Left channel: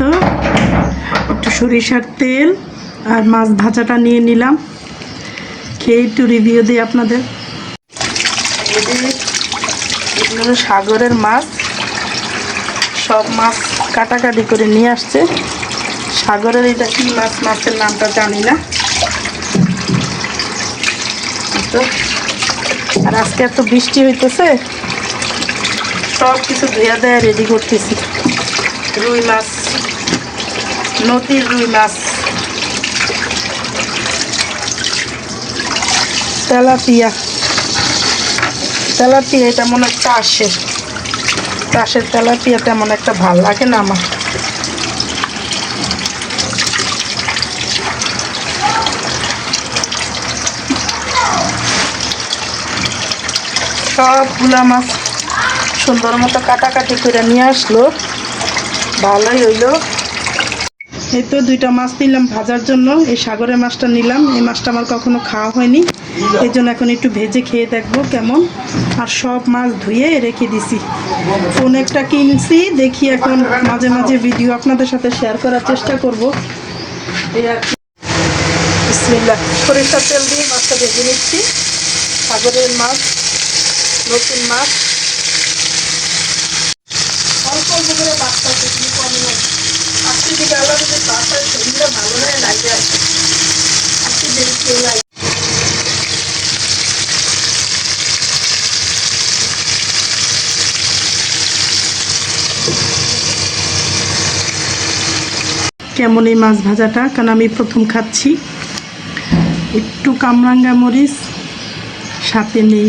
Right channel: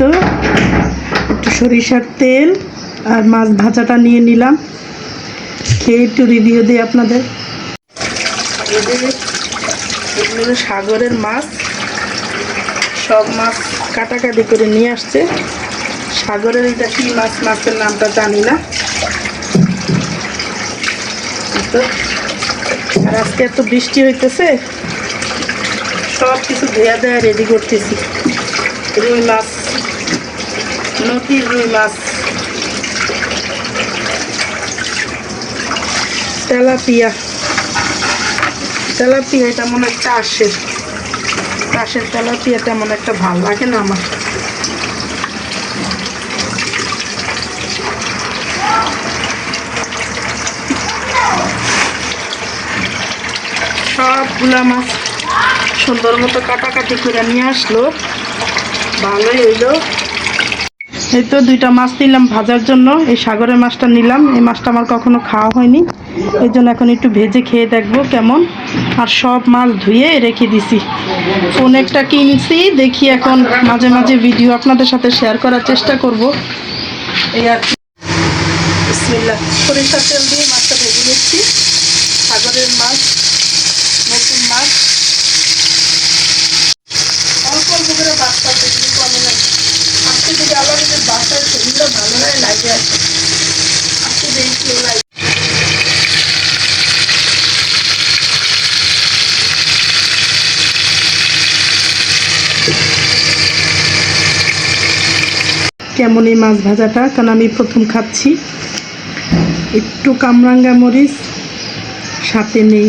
তো একটু সরিষার তেল আর মাছ ভাজাটা নিয়ে নিলাম, খেয়ে একটু রিভিউ দিই আপনাদের। এগুলো সাগরের মাছ, সব মাছ কাটাকাটি করে নিয়ে আসছে। সাগরের এটা কি মাছ, মাছের নামটা জানি না। আর আজকে এত বৃষ্টি হইতেছে, সব কিছু ধোয়া দেয়া রেডি করতেছি। রুই মাছ, নদীর রুই মাছ, তেলাপিয়া। তেলাপিয়া তেমন একটা চাষের তেলাপিয়া তেমন একটা ভাল লাগে না আমার। সবগুলা মাছ সুন্দর মতো কাটাকাটি করে নিয়ে আসলো, ভালোই হইলো। এই তো দুইটা মাছ নিলাম ভাজার জন্য। এই সাগরের মাছটা নিলাম, এই মাছটা আমার কখনো খাওয়া হয়নি, এই জন্য এখন একটু ভেজে খেয়ে দেখবো কেমন। আর সব মাছ ধুয়ে রেখে দিছি। ফোন একটা কিনছি, দেখি এখন মাঝে মাঝে ভিডিও আপনাদের সাথে শেয়ার করার চেষ্টা করব। এই আর বিসমিল্লাহ, সরিষার তেল দিয়ে মাছটা ভেজে নিচ্ছি। সাগরের মাছ, নতুন মাছ, অল্প অল্প করে বাচ্চা সেগুলি কমে নাই। আজকে যদি আল্লাহ যদি বাচ্চার শরীরটা ভালো হয় লাগে আর আজকে বেশি কেউ লাগে। কেমন এই মাছ ভাজাটা, কারণ আমি প্রথম খাচ্ছি। একটু কামরাঙ্গা মরিচ সাথে নেই।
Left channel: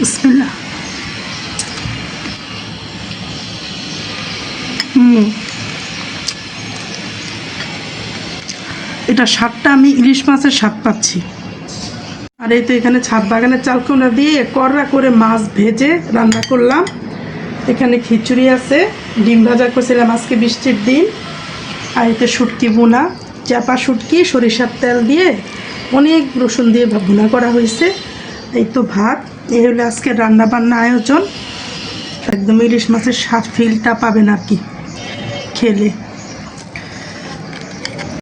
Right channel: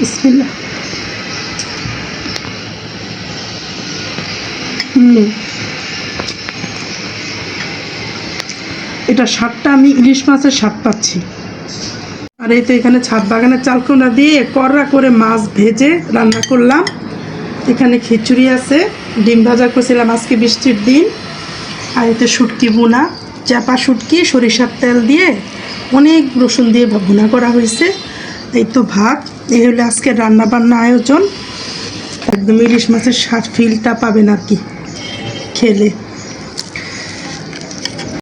বিসমিল্লাহ। এটা স্বাদটা আমি ইলিশ মাছের স্বাদ পাচ্ছি। আর এই তো এখানে ছাদ বাগানের চালকুনা দিয়ে কড়া করে মাছ ভেজে রান্না করলাম। এখানে খিচুড়ি আছে, ডিম ভাজা করছিলাম আজকে বৃষ্টির দিন। আর এতে শুটকি বোনা, চাপা শুটকি সরিষার তেল দিয়ে অনেক রসুন দিয়ে ভুনা করা হয়েছে। এই তো ভাত। এই হলো আজকে রান্না বান্না আয়োজন। একদম ইলিশ মাছের স্বাদ ফিলটা পাবেন আর কি খেলে।